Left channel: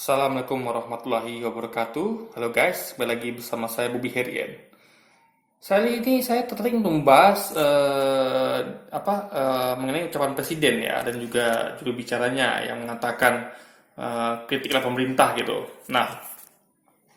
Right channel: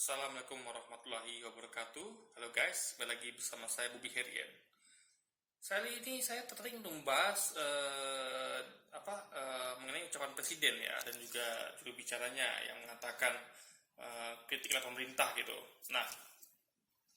Assalamualaikum warahmatullahi wabarakatuh. Halo guys, kembali lagi bersama saya Bobby Herian. Saya tertarik untuk membahas mengenai ucapan presiden ya dan juga juru bicaranya yang mengatakan kritiklah pemerintah gitu. Nah,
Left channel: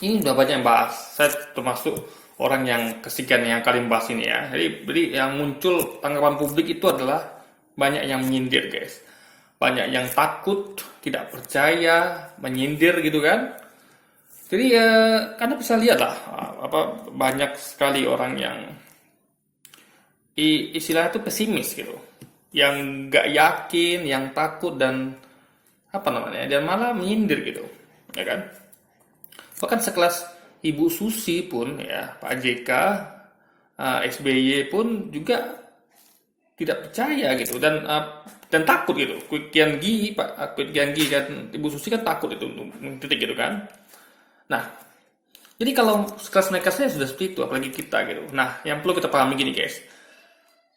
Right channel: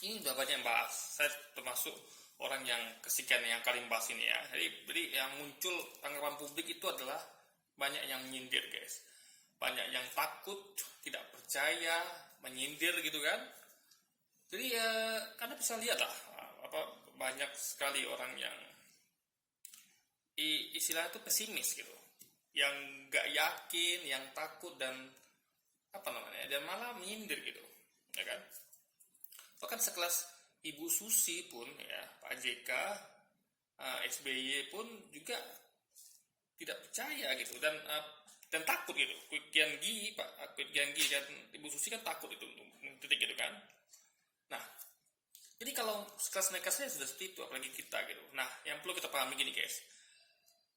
ini udah banyak yang bahas. Saya termasuk orang yang kesekian yang kali membahas ini ya. Jadi yang muncul tanggapan publik itu adalah banyak yang menyindir guys. Banyak yang takut, tidak percaya, menyindir gitu kan. Jadi ya, Anda bisa lihat lah, banyak sekali orang yang istilahnya itu pesimis gitu, yang nggak yakin, yang takut dan dan malah menyindir gitu, ya kan? Bahkan sekelas Ibu Susi pun ya, Pak JK, SBY pun juga tidak percaya gitu dan takut gitu. Kwik Kian Gi kan Ibu Susi kan takut itu untuk mengkritik gitu kan. Nah, jadi kalau kelas mereka saya sudah seperti itu, apalagi kita gitu. Nah, yang perlu kita pahami gini guys,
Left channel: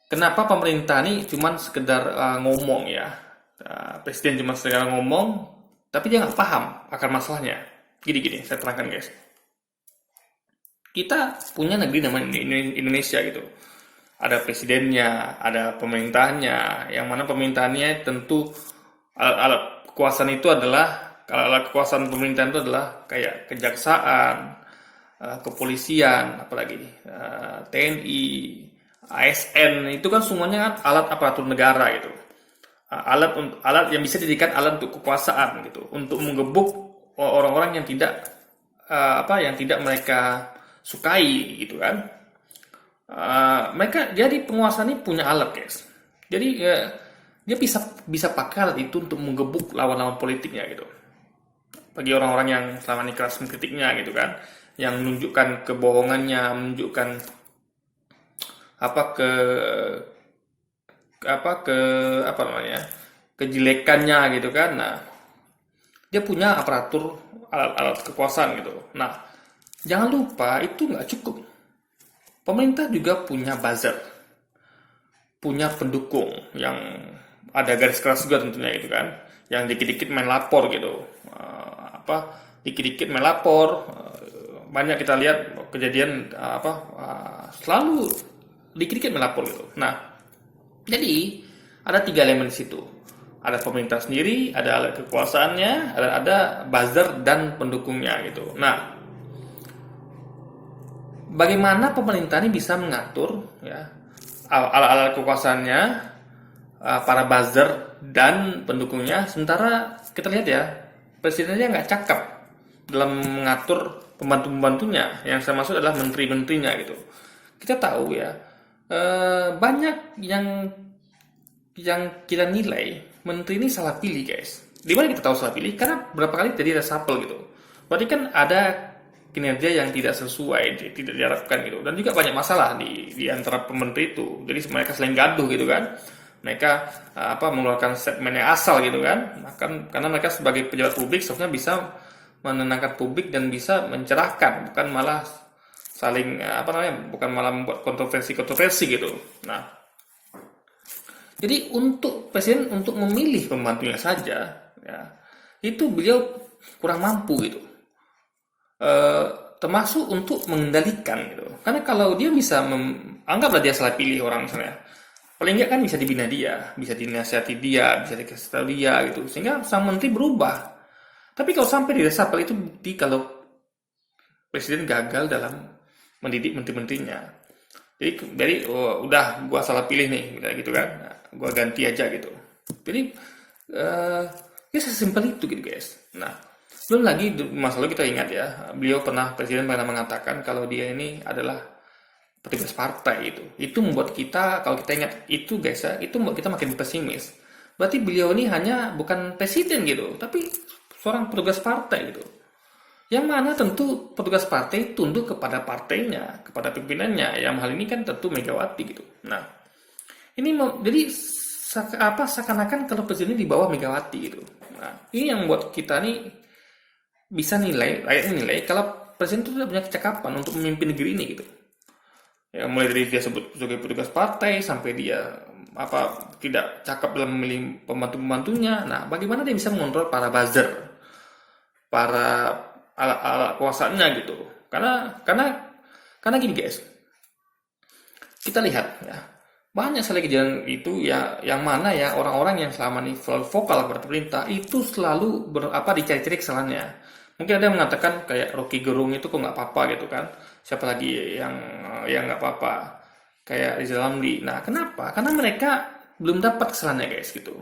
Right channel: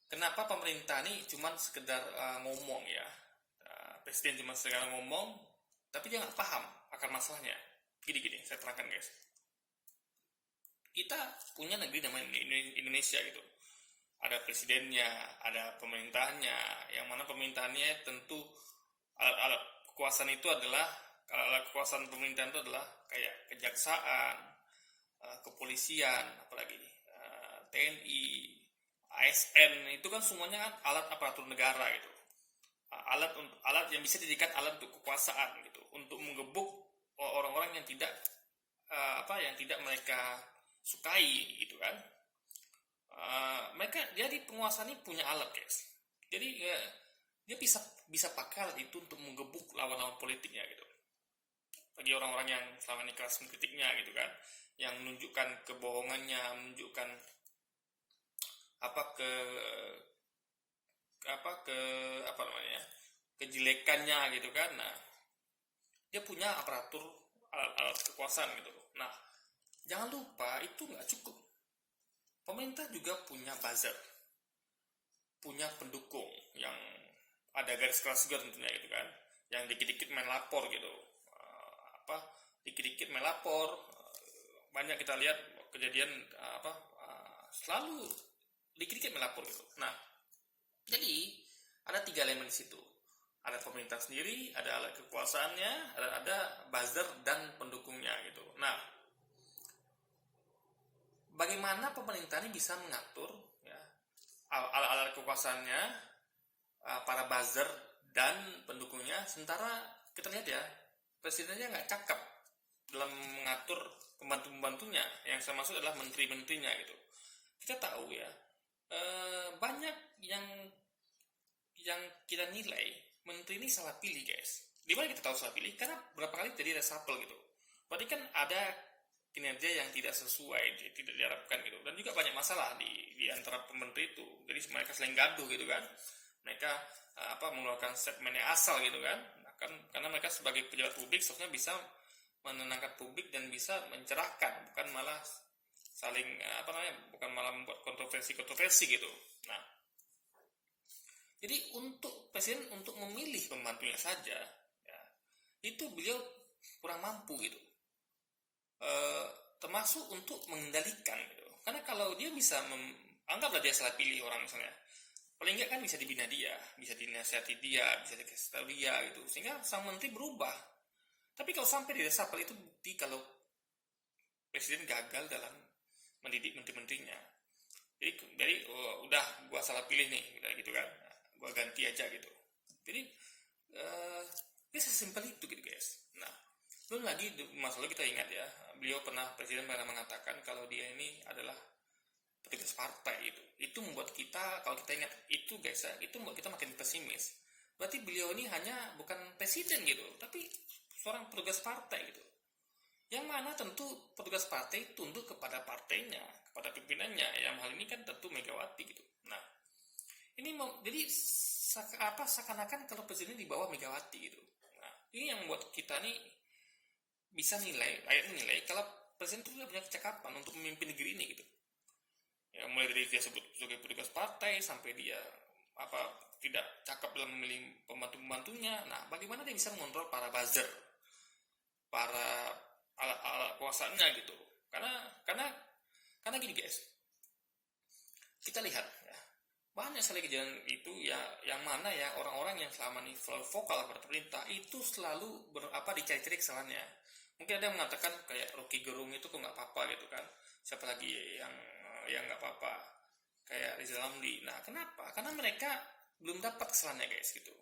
kenapa pemerintah ini cuma sekedar ngomong ya, presiden cuma sekedar ngomong, tapi dia nggak paham akar masalahnya. Gini-gini, saya terangkan guys. Kita punya negeri namanya Indonesia gitu. Ada presidennya, ada pemerintahnya, yang mana pemerintahannya tentu alat kekuasaan itu adalah, kalau alat kekuasaan pemerintahan itu adalah kayak kejaksaan, kepolisian, apalagi TNI, ASN, itu kan semuanya kan alat aparatur negara gitu. Alat yang bisa dijadikan alat untuk kekuasaan gitu, untuk menggebuk orang-orang yang tidak yang tidak mereka sukai gitu kan. Mereka jadi penguasa ini punya alat guys. Jadi dia bisa pakai alat itu untuk menggebuk lawan-lawan politiknya gitu. Bagi orang-orang yang selama ini keras mengkritiknya gitu kan, yang menunjukkan kebohongannya, menunjukkan apa ke apa ke apa namanya kejelekannya gitu kan. Nah, dia punya aparatur alat-alat kekuasaan gitu. Nah, jangan lupa itu nggak cukup. Pemerintah juga punya buzzer, punya pendukung yang ada garis keras juga tentunya gitu kan, yang dikit-dikit main lapor gitu. Dikit-dikit main lapor, banyak kita lihat kejadian selalu dikit-dikit main lapor gitu. Nah, jadi ada tiga elemen di situ. Ada pemerintah sendiri, ada alat kekuasaannya, ada buzzer dan pendukungnya gitu. Nah, bagaimana pemerintah ini bisa mengatur ya alat-alat kekuasaannya, para buzzer dan pendukungnya, sementara kita lihat ya presidennya nggak cakap dalam mengatur pembantu-pembantunya, yang saya maksud adalah menteri-menterinya gitu. Kita tahu ya, banyak yang kita nilai menteri ini salah pilih guys. Di mana kita tahu salah pilih? Karena berapa kali tadi reshuffle gitu. Berarti kan ada kinerja yang tidak sesuai, tidak diharapkan gitu. Dan juga banyak masalah di antara pemerintah itu. Jadi mereka saling gaduh gitu kan. Mereka mengeluarkan statement yang asal gitu kan. Karena mereka sebagai pejabat publik seharusnya bisa menenangkan publik dan bisa mencerahkan, bukan malah saling bukan malah membuat kontroversi gitu. Nah, jadi untuk presiden untuk memilih pembantunya saja, ya, itu beliau kurang mampu gitu. Termasuk untuk mengendalikan gitu. Karena kalau dia bisa anggaplah dia salah pilih orang misalnya, paling nggak kan bisa dibina dia, bisa dinasihati dia, bisa dikasih tahu dia gitu, sehingga sang menteri berubah. Tapi kalau sampai di reshuffle itu bukti kalau presiden gagal dalam mendidik menteri-menterinya. Jadi udah gua salah pilih nih, gitu kan, gua ganti aja gitu. Jadi ya sesimpel itu gitu guys. Nah, belum lagi masa lalu kita ingat ya, presiden pernah mengatakan kalau dia ini adalah petugas partai itu. Itu membuat kita, kalau kita ingat itu guys ya, itu membuat kita makin pesimis. Berarti beliau ini hanya bukan presiden gitu, tapi seorang petugas partai gitu. Yang mana tentu petugas partai tunduk kepada partainya, kepada pimpinannya. Yang hal ini kan tentu Megawati gitu. Nah, ini jadi seakan-akan kalau presiden di bawah Megawati gitu. Nah, ini yang membuat kita nih bisa nilai kalau presiden itu tidak punya kecakapan untuk memimpin negeri ini gitu. Ya, mulai dari dia sebut sebagai petugas partai sampai dia tidak cakap dalam memilih pembantu-pembantunya. Nah, bagaimana dia bisa mengontrol para buzzer, para alat kuasanya gitu. Karena gini guys, kita lihat ya, banyak sekali kejadian itu ya, yang mana ya orang-orang yang selama ini selalu vokal kepada pemerintah itu selalu dicari-cari kesalahannya. Mungkin ada yang mengatakan kayak Rocky Gerung itu kok nggak apa-apa gitu kan. Siapa lagi yang nggak apa-apa, kayak Rizal Ramli. Nah kenapa? Karena mereka belum dapat kesalahannya guys gitu.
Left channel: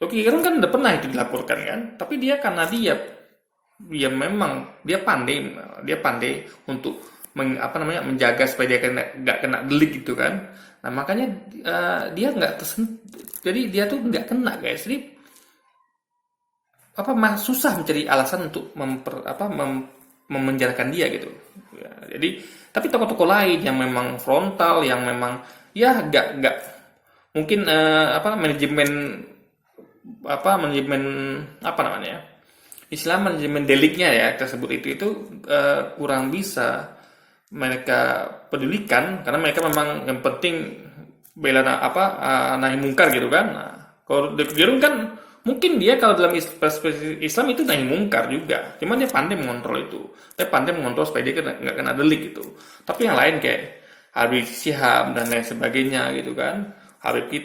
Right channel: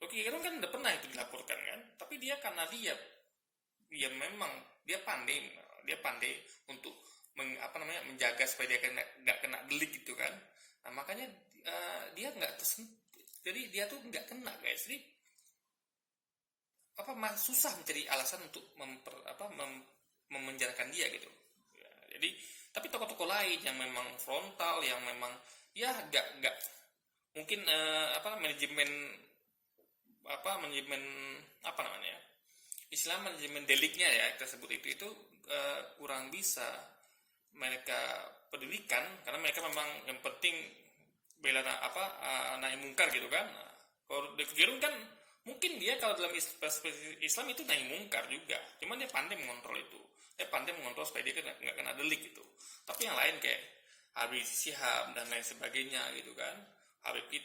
Rocky Gerung kan udah pernah itu dilaporkan kan, tapi karena dia memang dia pandai untuk menjaga supaya dia nggak kena delik gitu kan. Nah makanya dia nggak tersentuh, jadi dia tuh nggak kena guys. Jadi susah mencari alasan untuk memenjarakan dia gitu. Ya, jadi tapi tokoh-tokoh lain yang memang frontal, yang memang ya nggak mungkin manajemen manajemen deliknya ya tersebut itu kurang bisa mereka pedulikan, karena mereka memang yang penting bela nahi mungkar gitu kan. Nah, kalau Gerung kan mungkin dia kalau dalam perspektif Islam itu nahi mungkar juga, cuman dia pandai mengontrol itu, dia pandai mengontrol supaya dia nggak kena delik gitu. Tapi yang lain kayak Habib Syihab dan lain sebagainya gitu kan, Habib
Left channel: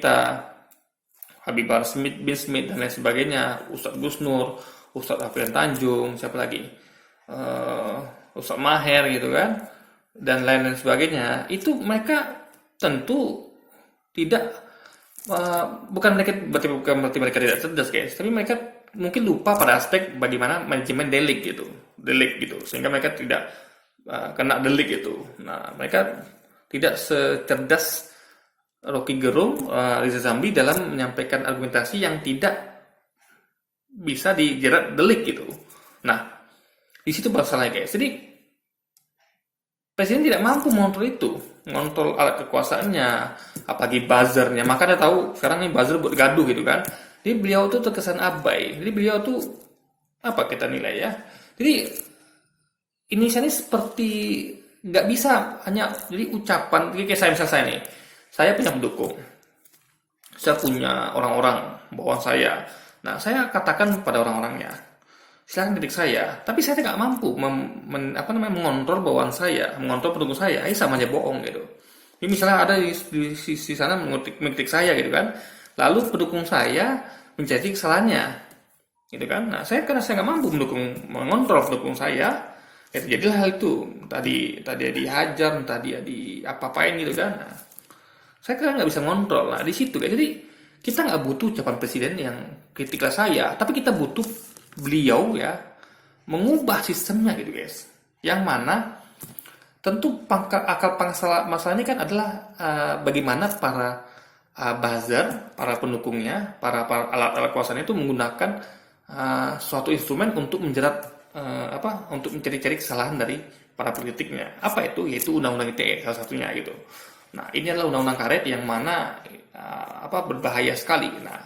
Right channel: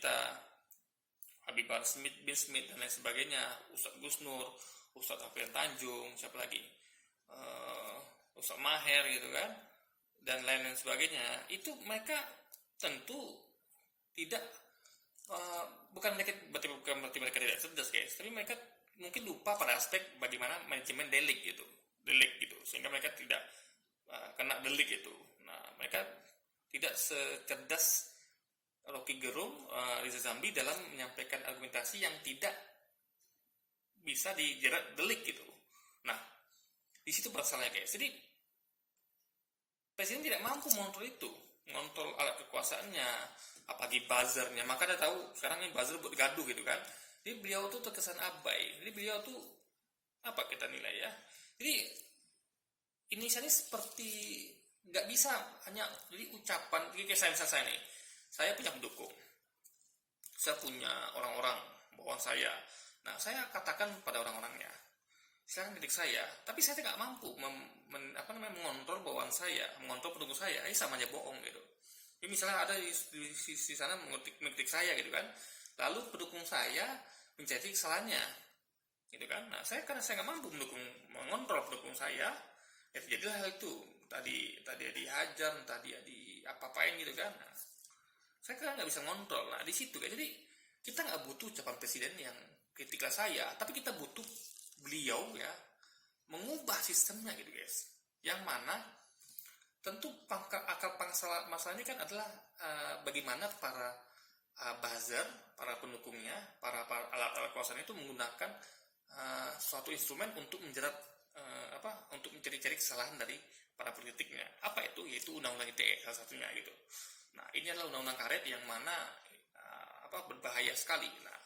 Bahar bin Smith dan lain sebagainya, Ustadz Gus Nur, Ustadz Alfian Tanjung, siapa lagi, Ustadz Maher gitu kan, dan lain sebagainya. Itu mereka tentu tidak bukan berarti mereka tidak cerdas guys, tapi mereka mungkin lupa pada aspek bagaimana manajemen delik gitu, sehingga mereka tidak kena delik itu. Nah mereka tidak secerdas Rocky Gerung, Riza Ramli dalam menyampaikan argumentasi yang tidak bisa dijerat delik gitu. Nah di situ masalahnya guys. Jadi Presiden tidak mampu mengontrol alat kekuasaannya, apalagi buzzernya. Makanya tahu sekarang ini buzzer buat gaduh gitu kan. Jadi beliau tuh terkesan abai. Jadi beliau tuh apa kita nilai ya? Jadi ini seperti nggak bisa hanya jadi ucapan. Kayak saya nih, saya punya pendukung, saya punya orang-orang bawaan saya. Nah saya katakan pada orang-orangnya, silahkan kritik saya, tapi saya tidak mampu mengontrol bawaan saya, mengontrol pendukung saya. Ini sama aja bohong gitu. Jadi misalnya ada di sisi sana mengkritik saya gitu kan, lalu pendukung saya menjadi kesalahannya, gitu kan. Nah karena saya nggak mampu mengontrol pendukung saya, jadilah hal itu. Tadi dihajar, tadi apa-apain gitu kan. Nah, saya kira nggak bisa ngontrol. Nah di situ guys. Jadi kita nggak butuh ucapan presiden yang kritiklah saya, tapi kita butuh beliau ya mengubah sistemnya gitu guys, yang mana tentu akal pangkal masalah ini kan adalah bagaimana para buzzer, para pendukungnya, para alat kuasanya itu menggunakan suatu instrumen untuk menjerat untuk mencari-cari kesalahan dari para politiknya. Apa itu? Yaitu undang-undang ITE salah satunya gitu. Nah ini adalah undang-undang karet yang mana berbahaya sekali. Nah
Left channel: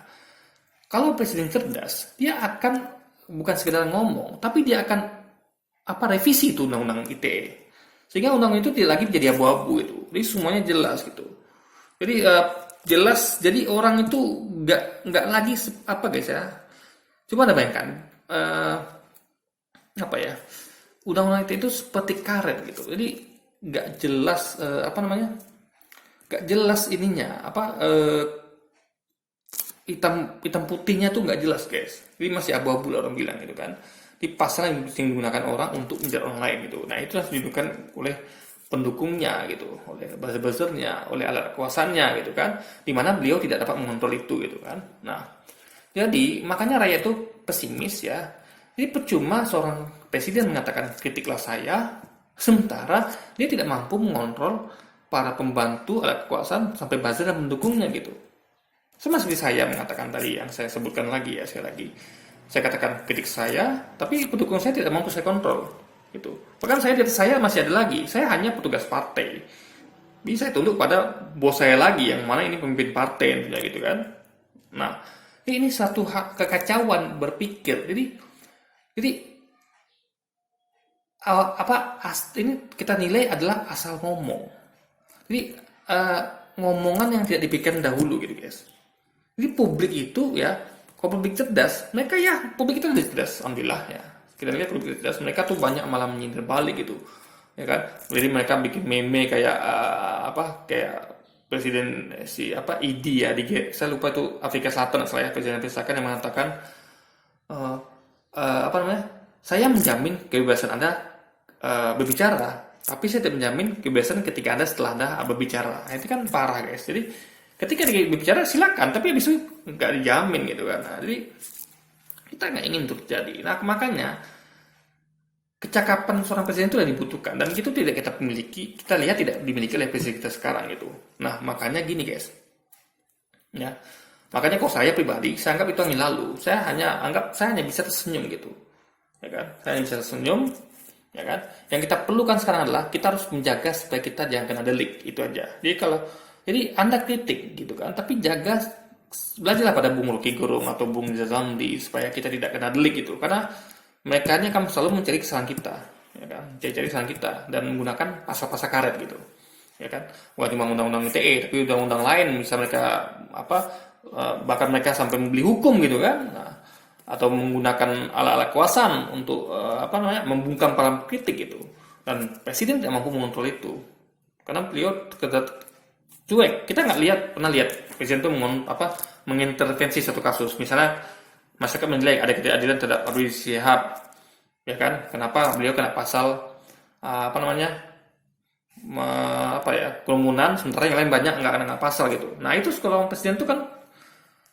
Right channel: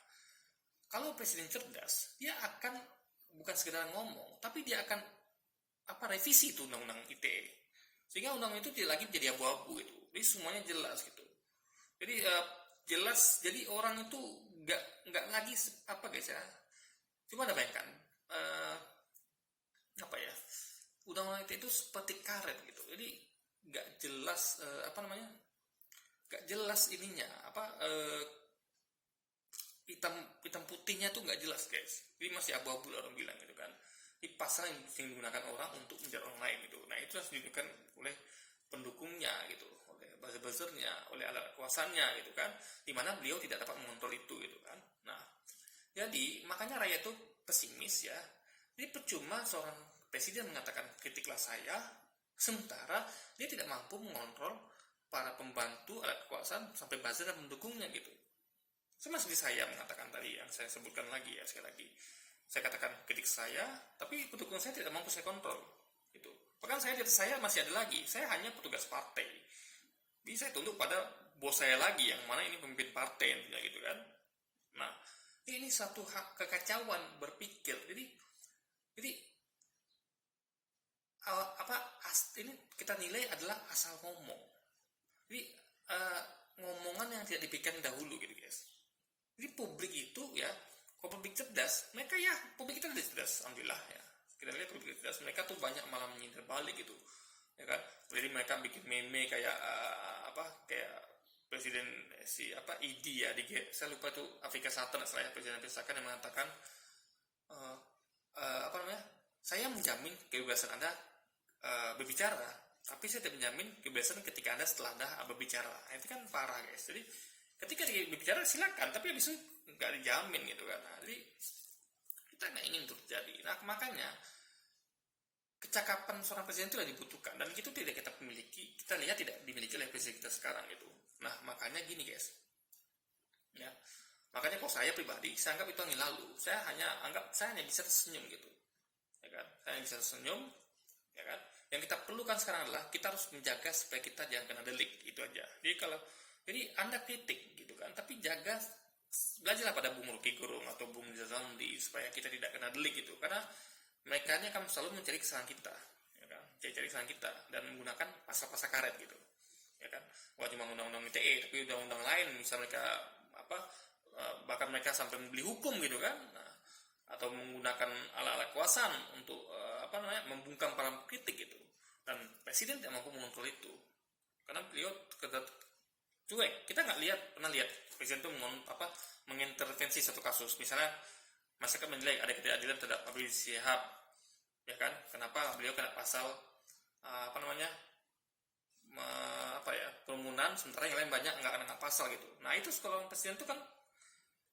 kalau presiden cerdas, dia akan bukan sekedar ngomong, tapi dia akan revisi itu undang-undang ITE, sehingga undang itu tidak lagi jadi abu-abu itu. Jadi semuanya jelas gitu. Jadi jelas. Jadi orang itu nggak lagi guys ya. Coba anda bayangkan undang-undang ITE itu seperti karet gitu. Jadi nggak jelas nggak jelas ininya hitam putihnya tuh nggak jelas guys. Jadi masih abu-abu lah orang bilang gitu kan. Di pasal yang digunakan orang untuk menjerat orang lain gitu. Nah itu harus digunakan oleh pendukungnya gitu, oleh buzzer-buzzernya, oleh alat kuasanya gitu kan. Dimana beliau tidak dapat mengontrol itu gitu kan. Nah jadi makanya rakyat itu pesimis ya. Jadi percuma seorang presiden mengatakan kritiklah saya, sementara dia tidak mampu mengontrol para pembantu alat kekuasaan sampai buzzer dan pendukungnya gitu. Sama seperti saya mengatakan tadi yang saya sebutkan lagi ya, sekali lagi. Saya katakan kritik saya, tapi pendukung saya tidak mampu saya kontrol. Gitu. Bahkan saya masih ada lagi. Saya hanya petugas partai. Bisa tunduk pada bos saya lagi, yang mana ini pemimpin partai gitu kan. Nah, ini satu kekacauan berpikir. Jadi ini kita nilai adalah asal ngomong. Jadi ngomongan yang tidak dipikirkan dahulu gitu guys. Jadi publik itu ya, kalau publik cerdas, publik itu lebih cerdas, alhamdulillah ya. kita lihat publisitas mereka tuh banyak malah menyindir balik gitu, ya kan. Jadi mereka bikin meme kayak kayak presiden si ID ya saya lupa itu Afrika Selatan saya presiden Afrika Selatan yang mengatakan eh, apa namanya, saya menjamin kebebasan Anda berbicara, tapi saya tidak menjamin kebebasan ketika Anda setelah Anda berbicara. Nah, itu kan parah guys. Jadi ketika dia berbicara silakan, tapi habis itu nggak dijamin gitu kan. Nah, jadi kita nggak ingin itu terjadi. Nah, makanya kecakapan seorang presiden itu yang dibutuhkan, dan itu tidak kita miliki, kita lihat tidak dimiliki oleh presiden kita sekarang gitu. Nah, makanya gini guys, ya, makanya kalau saya pribadi, saya anggap itu angin lalu. Saya hanya bisa tersenyum gitu, ya kan? Saya hanya bisa tersenyum, ya kan? Yang kita perlukan sekarang adalah kita harus menjaga supaya kita jangan kena delik, itu aja. Jadi Anda kritik gitu kan, tapi belajarlah pada Bung Rocky Gerung atau Bung Zazandi supaya kita tidak kena delik gitu, karena mereka ini akan selalu mencari kesalahan kita, ya kan? Cari kesalahan kita dan menggunakan pasal-pasal karet gitu, ya kan? Bukan cuma undang-undang ITE, tapi undang-undang lain bisa mereka bahkan mereka sampai membeli hukum gitu kan. Nah, atau menggunakan alat-alat kekuasaan untuk membungkam para kritik gitu. Dan presiden tidak mampu mengontrol itu karena beliau cuek. Kita pernah lihat presiden itu mengintervensi satu kasus. Misalnya masyarakat menilai ada ketidakadilan terhadap Rizik Syihab, ya kan? Kenapa beliau kena pasal kerumunan, sementara yang lain banyak nggak kena pasal gitu. Nah itu kalau presiden itu kan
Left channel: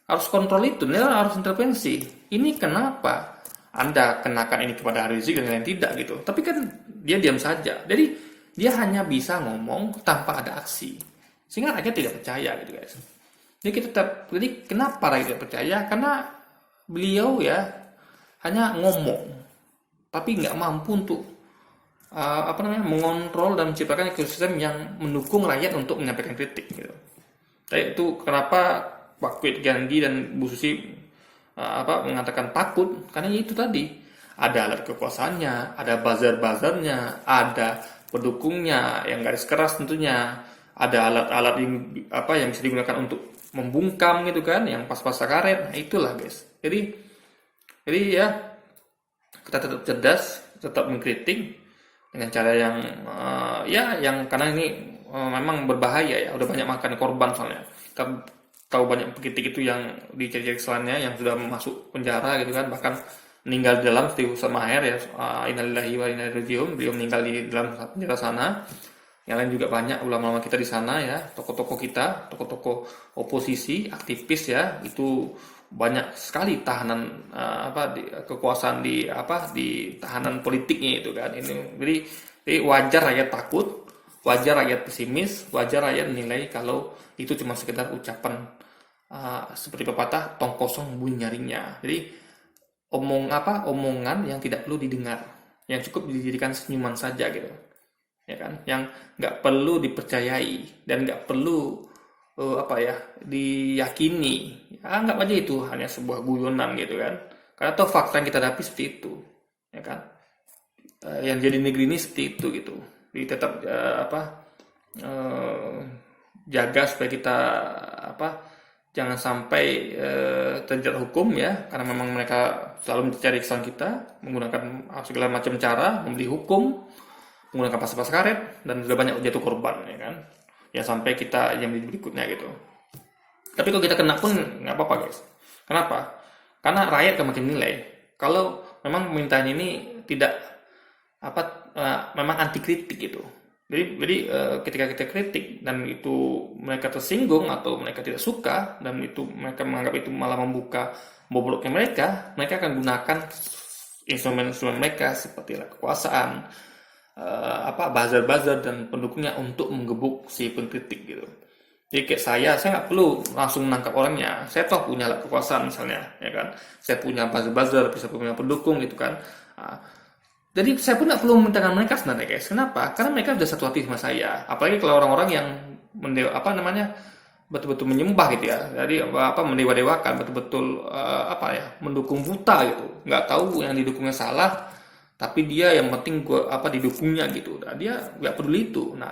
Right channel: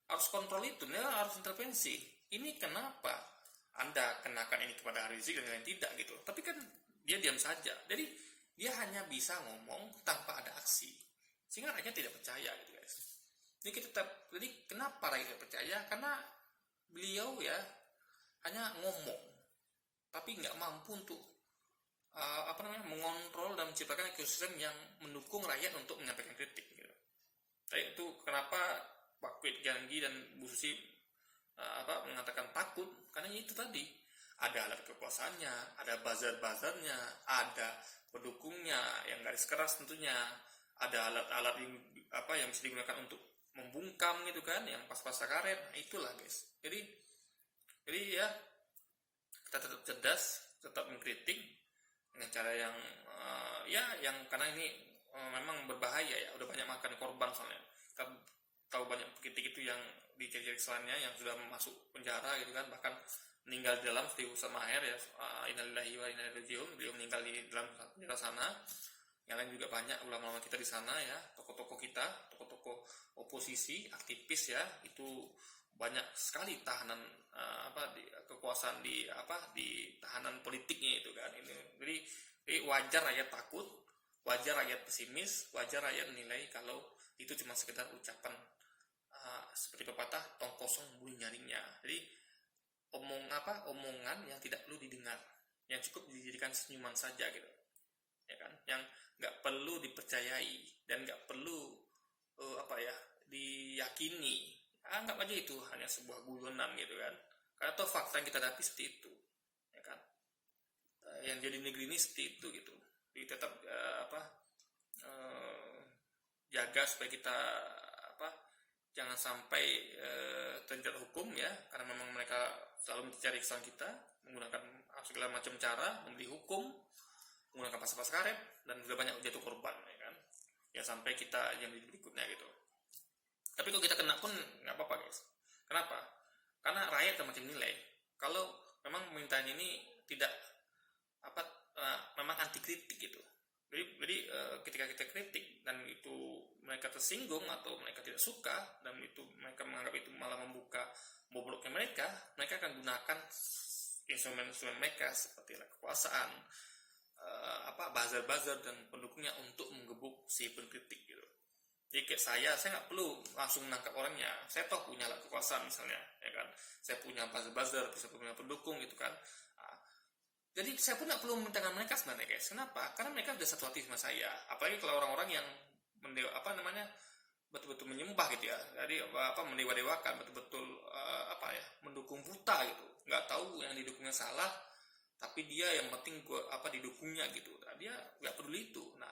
harus kontrol itu, dia harus intervensi. Ini kenapa Anda kenakan ini kepada Rizik dan lain tidak gitu? Tapi kan dia diam saja. Jadi dia hanya bisa ngomong tanpa ada aksi, sehingga rakyat tidak percaya gitu guys. Jadi kenapa rakyat tidak percaya? Karena beliau ya hanya ngomong, tapi nggak mampu untuk mengontrol dan menciptakan ekosistem yang mendukung rakyat untuk menyampaikan kritik gitu. Jadi itu kenapa Pak Kwek Gandhi dan Bu Susi mengatakan takut, karena itu tadi ada alat kekuasaannya, ada buzzer-buzzernya, ada pendukungnya yang garis keras tentunya, ada alat-alat yang bisa digunakan untuk membungkam gitu kan, yang pas-pas karet. Nah itulah guys. Jadi ya kita tetap cerdas, tetap mengkritik dengan cara yang yang karena ini memang berbahaya ya, udah banyak makan korban soalnya. Kita tahu banyak pengkritik itu yang dicari kesalahannya yang sudah masuk penjara gitu kan, bahkan meninggal di dalam seperti Ustaz Maher ya, innalillahi wa inna ilaihi raji'un, beliau meninggal di dalam penjara sana. Yang lain juga banyak ulama-ulama kita di sana ya, tokoh-tokoh kita, tokoh-tokoh oposisi, aktivis ya, itu banyak sekali tahanan kekuasaan di tahanan politiknya itu kan. Jadi wajar rakyat takut, wajar rakyat pesimis, wajar rakyat menilai kalau itu cuma sekedar ucapan seperti pepatah tong kosong bunyi nyaringnya. Jadi omongan yang tidak perlu didengar, yang cukup dijadikan senyuman saja gitu, ya kan? Yang nggak perlu dipercayai dan nggak perlu diyakini. Anggap aja itu hanya sebuah guyonan gitu kan, karena toh fakta yang kita hadapi seperti itu, ya kan? Yang jadi negeri ini seperti itu gitu. Jadi tetap jaga supaya kita jangan sampai terjerat hukum ya, karena memang mereka selalu mencari kesalahan kita menggunakan segala macam cara, membeli hukum, menggunakan pasal-pasal karet, dan sudah banyak jatuh korban ya kan, yang sampai kita yang berikutnya gitu. Tapi kalau kita kena pun nggak apa-apa guys. Kenapa? Karena rakyat akan makin nilai kalau memang pemerintahan ini tidak memang anti kritik gitu. Jadi ketika kita kritik dan itu mereka tersinggung atau mereka tidak suka dan itu mereka menganggap itu malah membuka bobroknya mereka akan gunakan instrumen-instrumen mereka seperti kekuasaan, buzzer-buzzer dan pendukungnya untuk menggebuk si pengkritik gitu. Jadi kayak saya nggak perlu langsung menangkap orangnya. Saya toh punya alat kekuasaan misalnya, ya kan. Saya punya buzzer-buzzer, bisa punya pendukung gitu kan. Jadi saya pun nggak perlu memintakan mereka sebenarnya guys. Kenapa? Karena mereka sudah satu hati sama saya. Apalagi kalau orang-orang yang betul-betul menyembah gitu ya. Jadi mendewa-dewakan, betul-betul mendukung buta gitu. Nggak tahu yang didukungnya salah, tapi dia yang penting didukungnya gitu. Nah, dia nggak peduli itu. Nah,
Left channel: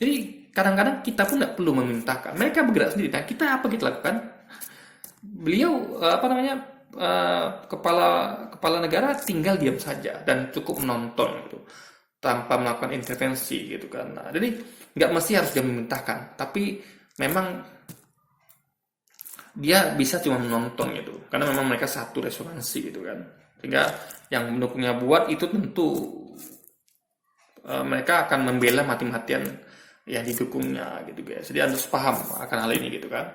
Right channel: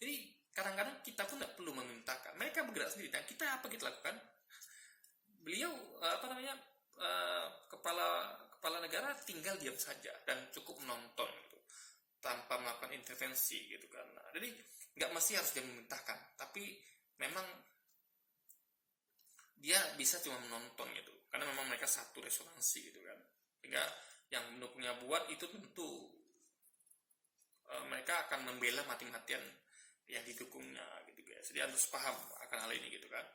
jadi kadang-kadang kita pun nggak perlu memintakan. Mereka bergerak sendiri. Nah, kita lakukan? Beliau kepala kepala negara tinggal diam saja dan cukup menonton gitu tanpa melakukan intervensi gitu kan. Nah, jadi nggak mesti harus dia memerintahkan, tapi memang dia bisa cuma menonton gitu karena memang mereka satu resonansi gitu kan, sehingga yang mendukungnya buat itu tentu mereka akan membela mati-matian yang didukungnya gitu guys. Jadi Anda harus paham akan hal ini gitu kan.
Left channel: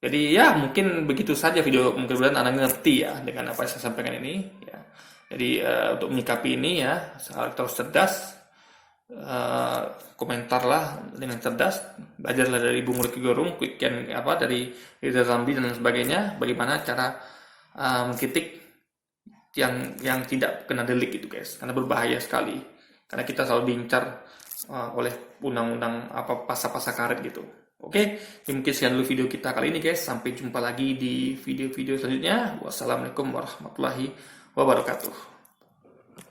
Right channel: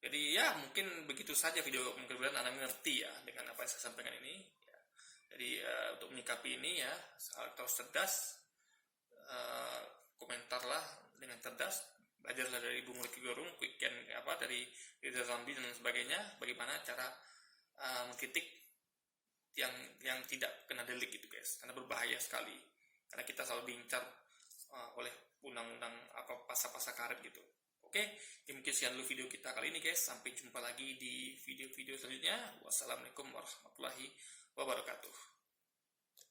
Jadi ya mungkin begitu saja video, mungkin Anda ngerti ya dengan apa yang saya sampaikan ini ya. Jadi untuk menyikapi ini ya harus cerdas, komentarlah dengan cerdas, belajarlah dari Bung Rocky Gerung, Quicken apa dari Rizal Ramli dan sebagainya, bagaimana cara mengkritik yang tidak kena delik gitu guys, karena berbahaya sekali, karena kita selalu diincar oleh undang-undang apa pasal-pasal karet gitu. Oke, ini mungkin sekian dulu video kita kali ini guys. Sampai jumpa lagi di video-video selanjutnya. Wassalamualaikum warahmatullahi wabarakatuh.